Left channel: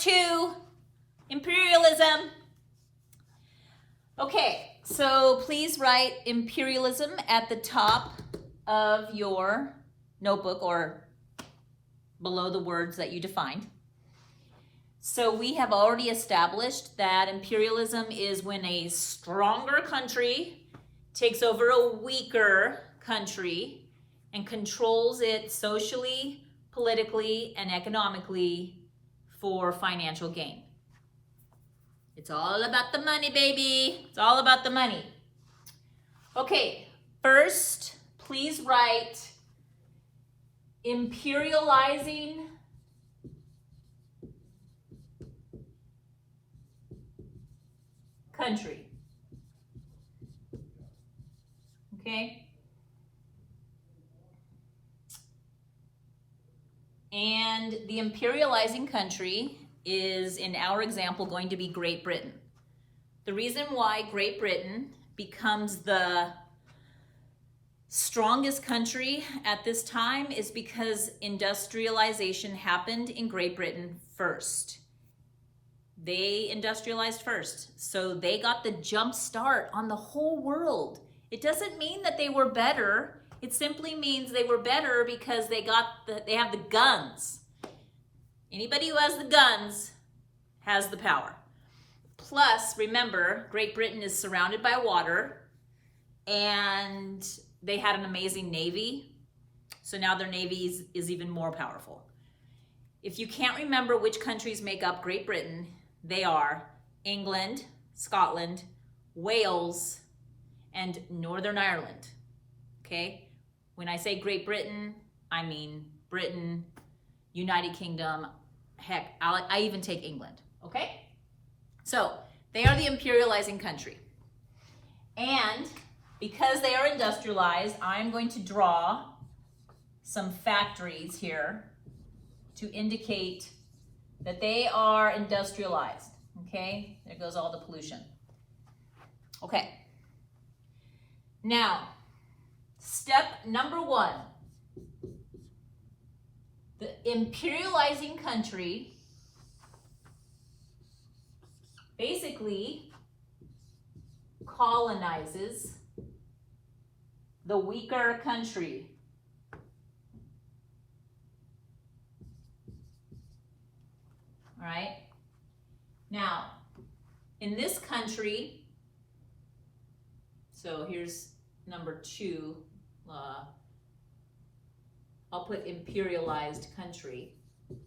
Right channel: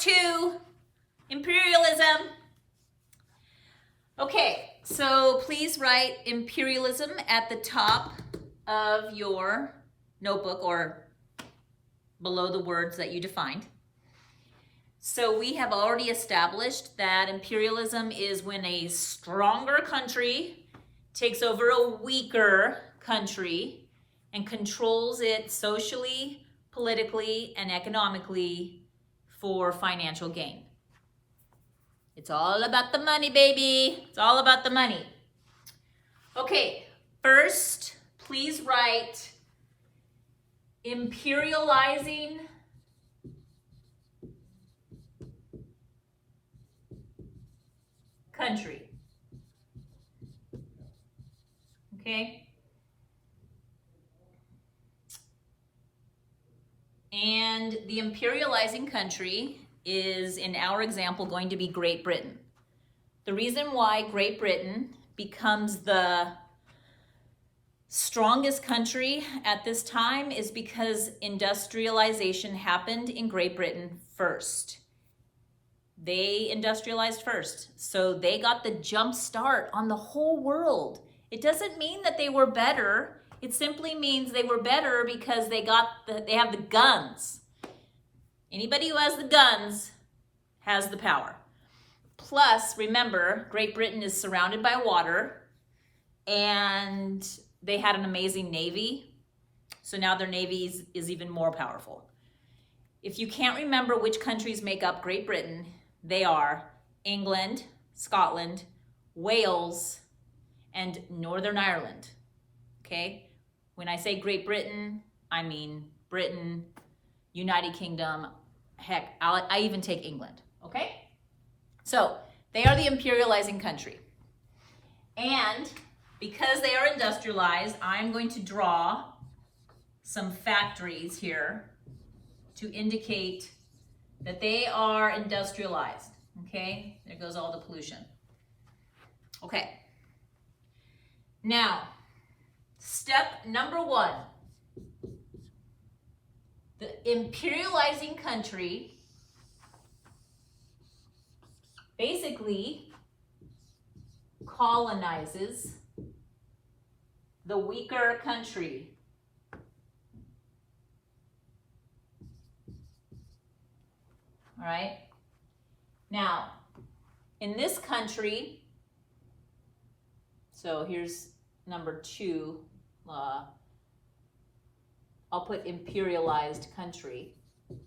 Part II, Imperialism. Okay, so please write imperialism at the top of your notebook or below the words that you defined. So we have already established that imperialism is when a stronger country takes over a weaker country and controls it socially, politically, and economically for financial gain. It's all about the money, baby. It's all about the money. Okay, first, please write imperializing country. Okay? And the imperializing country is, in our example, going to be Great Britain. The reason why Great Britain becomes the strongest country at this time is because industrialization happened in Great Britain first. They industrialized first, so they got the jump start on the whole world. It doesn't mean that they were better. It simply means they were better because they have the guns. Anybody who has the guns has the power. Plus, remember, Great Britain is surrounded by water and they had an amazing navy. So now their navy is even more powerful. If you can't remember which countries make up Great Britain, they are England, Scotland, Wales, and Northern Ireland. Okay? When I say Great Britain, I mean Britain, United Kingdom, heck, I even take England. Okay? So they are the imperializing country. And because they are industrialized, I'm going to draw some factories here to indicate that they are industrialized. Okay? There goes all the pollution. Okay. Now, step number 1. The imperializing country basically colonizes the weaker country. All right? Now, in this country, so here's number 2, I'll put imperialized country. Can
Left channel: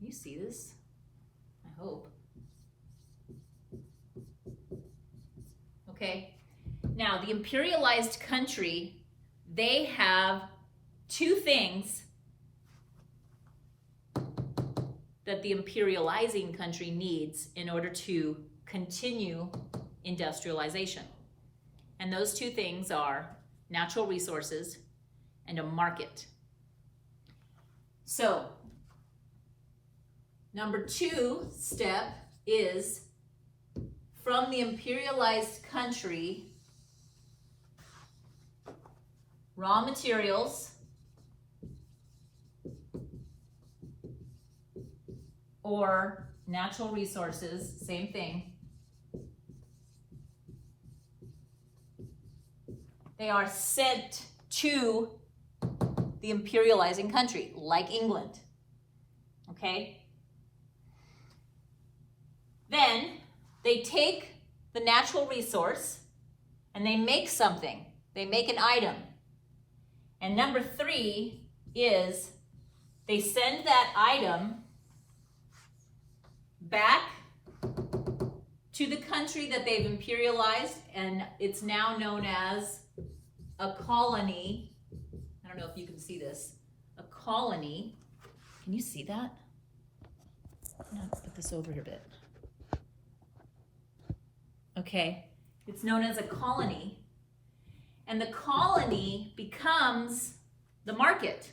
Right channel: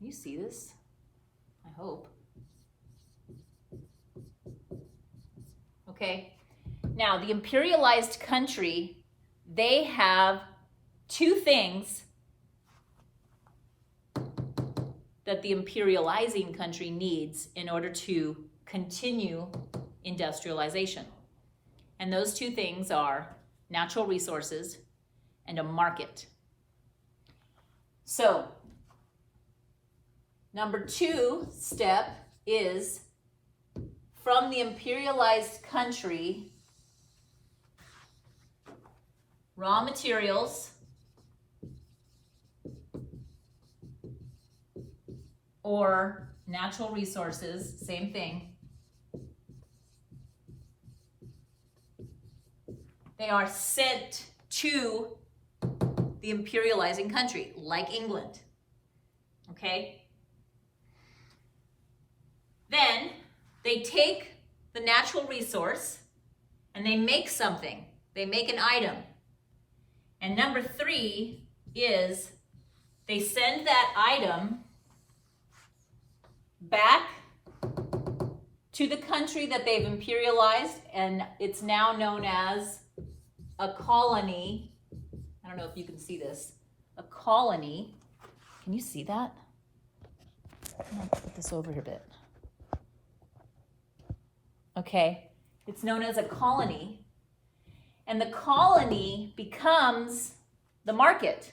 you see this? I hope. Okay. Now, the imperialized country, they have 2 things that the imperializing country needs in order to continue industrialization. And those 2 things are natural resources and a market. So, number 2 step is from the imperialized country, raw materials or natural resources, same thing. They are sent to the imperializing country, like England. Okay? Then they take the natural resource and they make something. They make an item. And number 3 is they send that item back to the country that they've imperialized, and it's now known as a colony. I don't know if you can see this. A colony. Can you see that? I'm gonna put this over here a bit. Okay, it's known as a colony, and the colony becomes the market.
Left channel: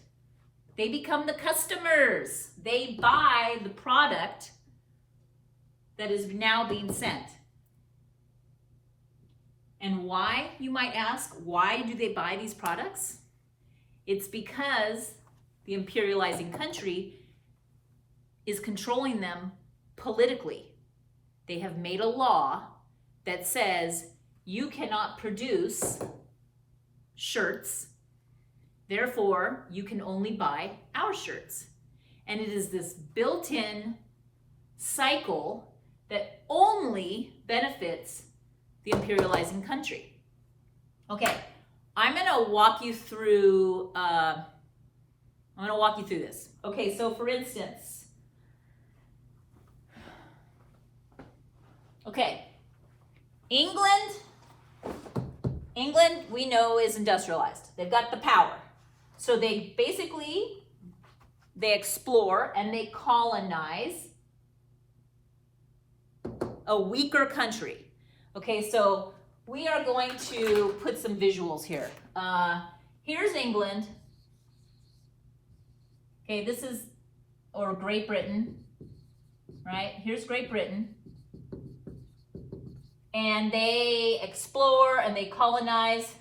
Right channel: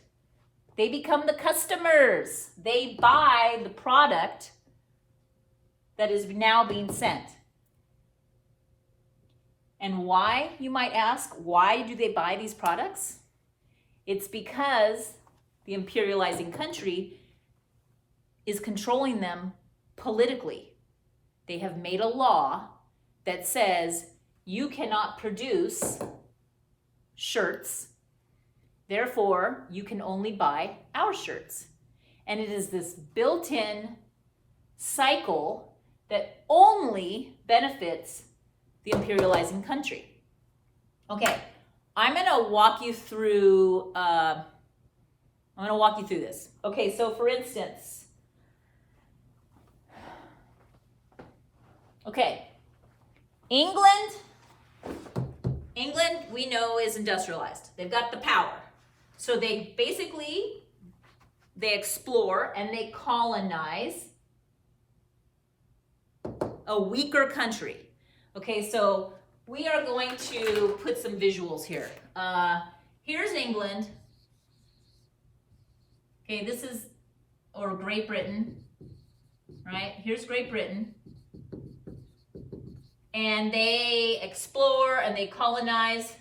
They become the customers. They buy the product that is now being sent. And why, you might ask, why do they buy these products? It's because the the imperializing country is controlling them politically. They have made a law that says you cannot produce shirts, therefore you can only buy our shirts. And it is this built-in cycle that only benefits the imperializing country. Okay, I'm gonna walk you through this. Okay, so for instance, okay, England we know is industrialized. They've got the power. So they explore and they colonize a weaker country. Okay, so we are going to put some visuals here. Here's England. Okay, or Great Britain, right? Here's Great Britain. And they explore and they colonize.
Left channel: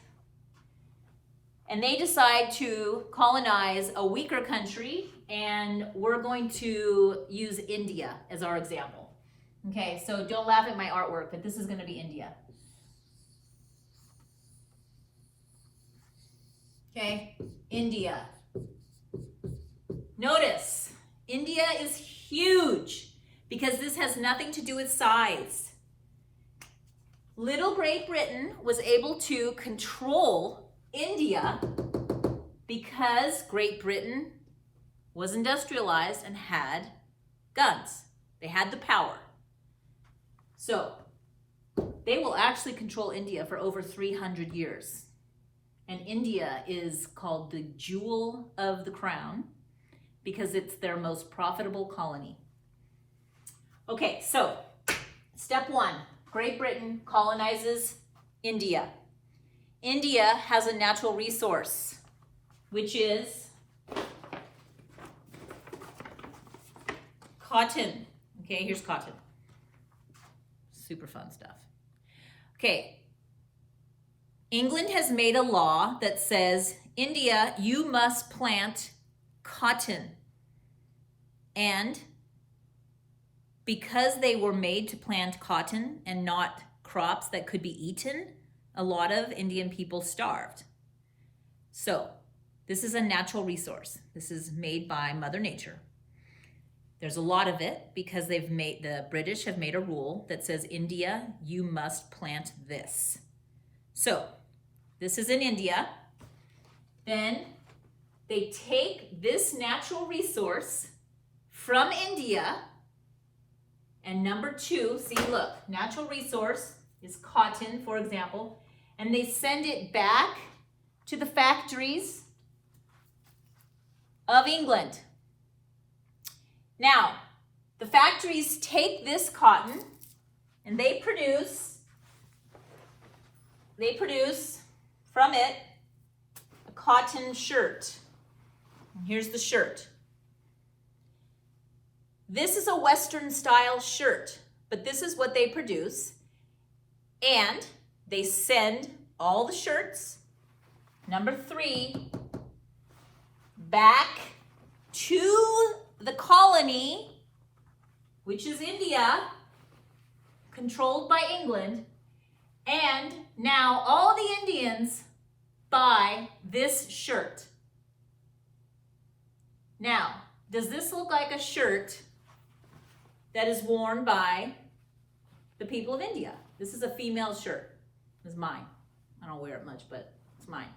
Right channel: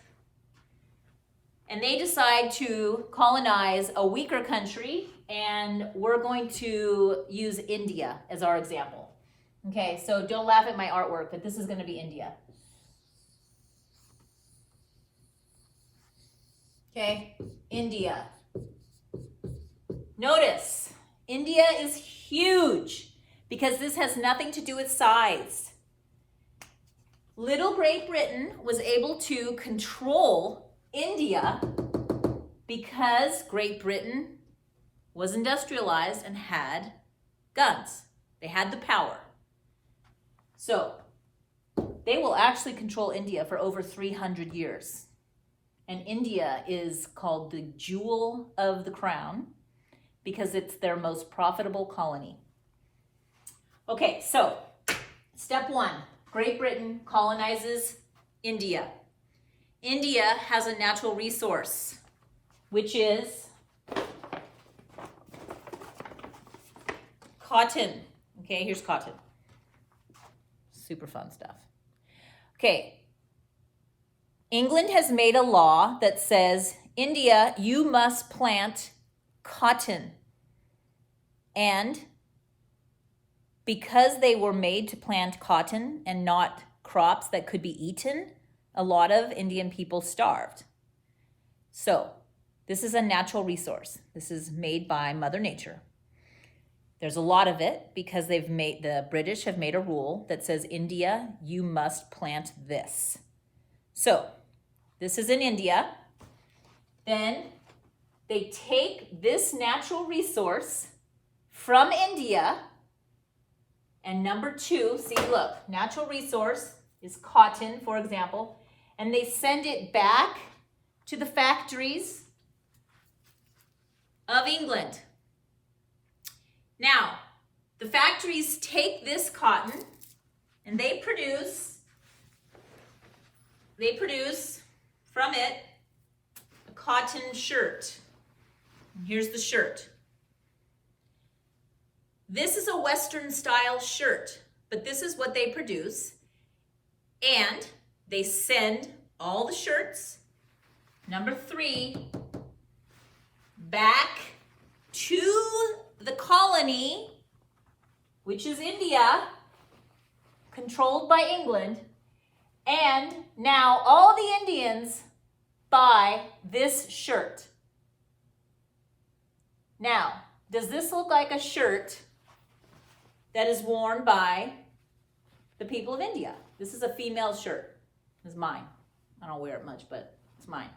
And they decide to colonize a weaker country, and we're going to use India as our example. Okay, so don't laugh at my artwork, but this is going to be India. Okay, India. Notice, India is huge because this has nothing to do with size. Little Great Britain was able to control India because Great Britain was industrialized and had guns. They had the power. So they will actually control India for over 300 years. And India is called the jewel of the crown because it's their most profitable colony. Okay, so step one, Great Britain colonizes India. India has a natural resource, which is cotton. Okay, here's cotton. Super fun stuff. Okay, England has made a law that says, India, you must plant cotton. And because they were made to plant cotton and not crops that could be eaten, a lot of Indian people starved. So this is a natural resource. This is made by Mother Nature. There's a lot of it because the British have made a rule that says, India, you must plant this. So this is in India. Then they take this natural resource from India, and number two, see, look, natural resource is cotton, for example, and they send it back to the factories of England. Now, the factories take this cotton and they produce from it a cotton shirt. And here's the shirt. This is a Western style shirt, but this is what they produce. And they send all the shirts, number three, back to the colony, which is India, controlled by England. And now all the Indians buy this shirt. Now, does this look like a shirt that is worn by the people of India? This is a female shirt. This is mine. I don't wear it much, but it's mine.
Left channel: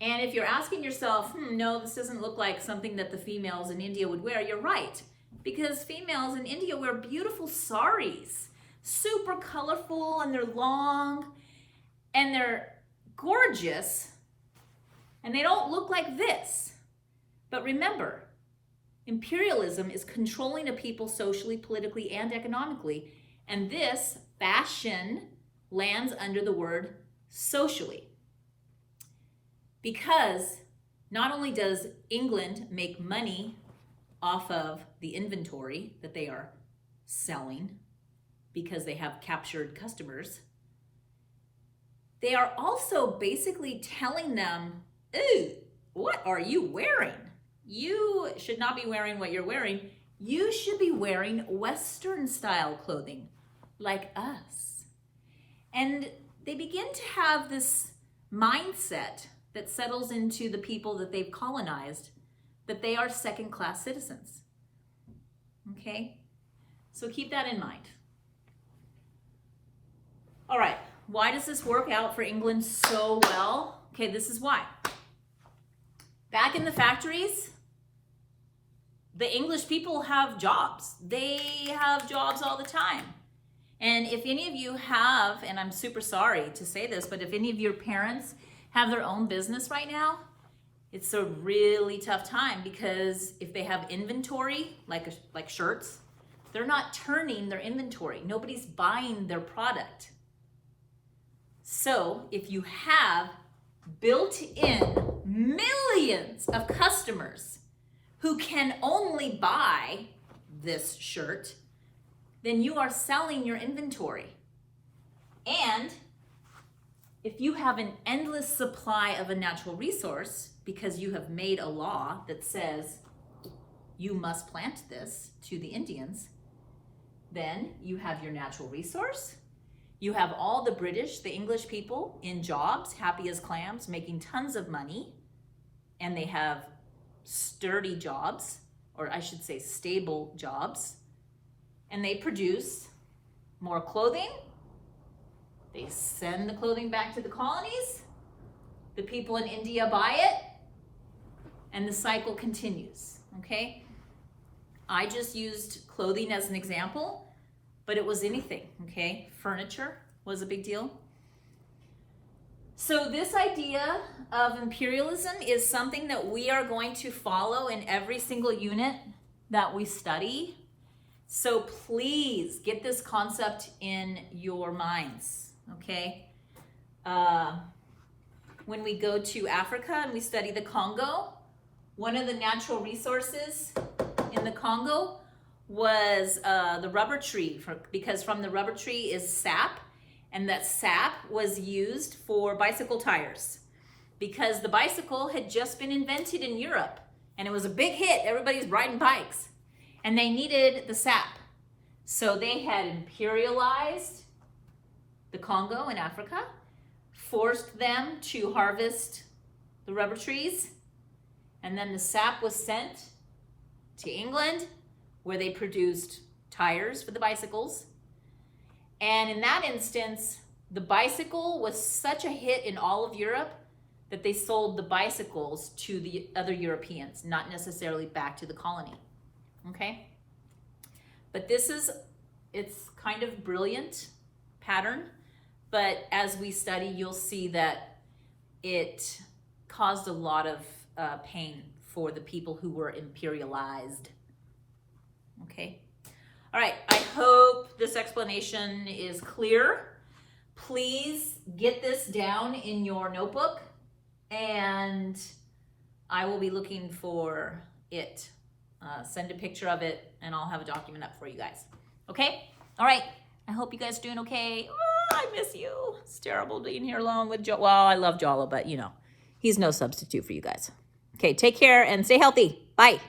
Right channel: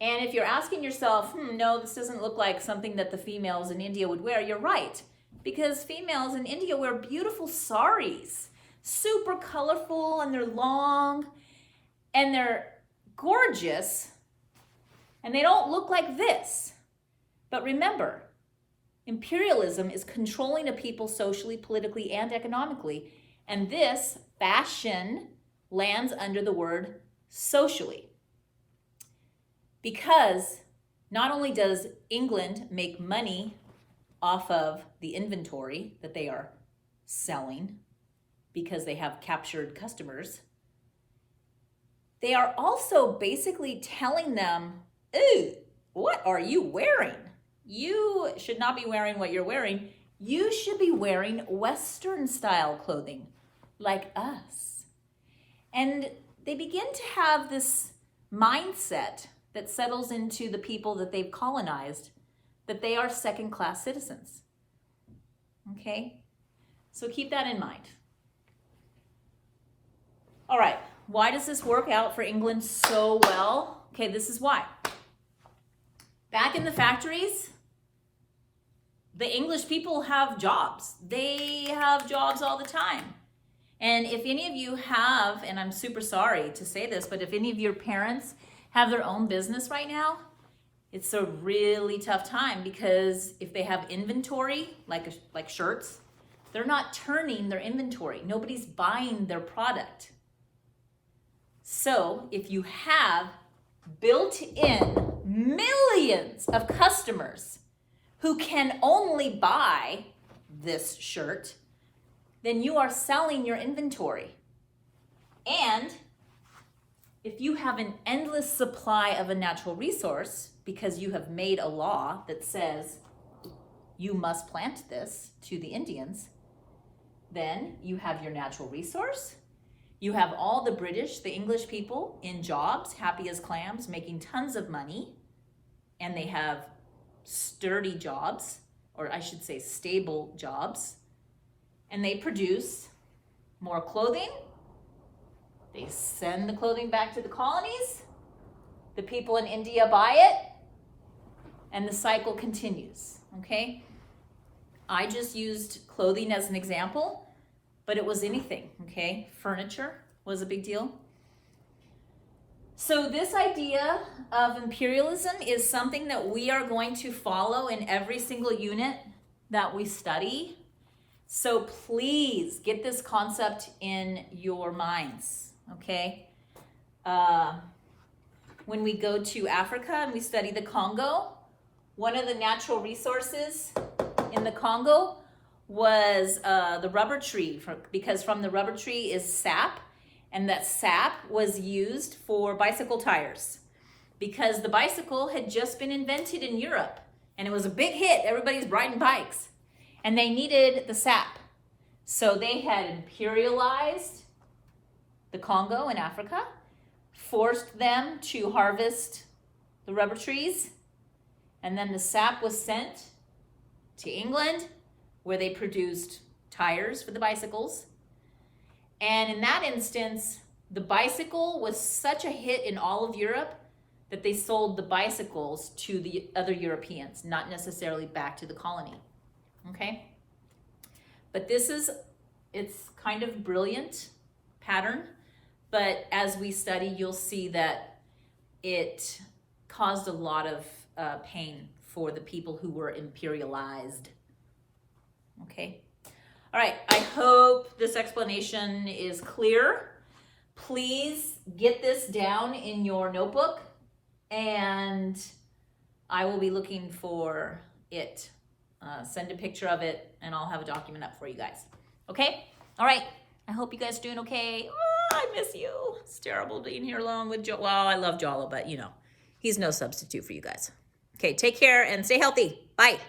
And if you're asking yourself, no, this doesn't look like something that the females in India would wear, you're right. Because females in India wear beautiful saris, super colorful, and they're long, and they're gorgeous, and they don't look like this. But remember, imperialism is controlling a people socially, politically, and economically, and this fashion lands under the word socially. Because not only does England make money off of the inventory that they are selling because they have captured customers, they are also basically telling them, ooh, what are you wearing? you should not be wearing what you're wearing. You should be wearing Western style clothing like us. And they begin to have this mindset that settles into the people that they've colonized, that they are second-class citizens. Okay? So keep that in mind. All right, why does this work out for England so well? Okay, this is why. Back in the factories, the English people have jobs. They have jobs all the time. And if any of you have, and I'm super sorry to say this, but if any of your parents have their own business right now, it's a really tough time, because if they have inventory, like shirts, they're not turning their inventory. Nobody's buying their product. So if you have built-in millions of customers who can only buy this shirt, then you are selling your inventory. And if you have an endless supply of a natural resource because you have made a law that says you must plant this to the Indians, then you have your natural resource. You have all the British, the English people in jobs, happy as clams, making tons of money, and they have sturdy jobs, or I should say stable jobs, and they produce more clothing. They send the clothing back to the colonies. The people in India buy it, and the cycle continues, okay? I just used clothing as an example, but it was anything, okay? Furniture was a big deal. So this idea of imperialism is something that we are going to follow in every single unit that we study. So please get this concept in your minds, okay? When we go to Africa and we study the Congo, one of the natural resources in the Congo was the rubber tree, because from the rubber tree is sap, and that sap was used for bicycle tires, because the bicycle had just been invented in Europe and it was a big hit. Everybody's riding bikes and they needed the sap. So they had imperialized the Congo in Africa, forced them to harvest the rubber trees, and then the sap was sent to England, where they produced tires for the bicycles. And in that instance, the bicycle was such a hit in all of Europe that they sold the bicycles to the other Europeans, not necessarily back to the colony, okay? But it's kind of brilliant pattern, but as we study, you'll see that it caused a lot of pain for the people who were imperialized. Okay. All right. I hope this explanation is clear. Please get this down in your notebook, and I will be looking for it. Send a picture of it, and I'll have a document up for you guys. Okay. All right. I hope you guys are doing okay. Oh, I miss you. It's terrible being here alone with Well, I love Jala, but you know, he's no substitute for you guys. Okay. Take care and stay healthy. Bye.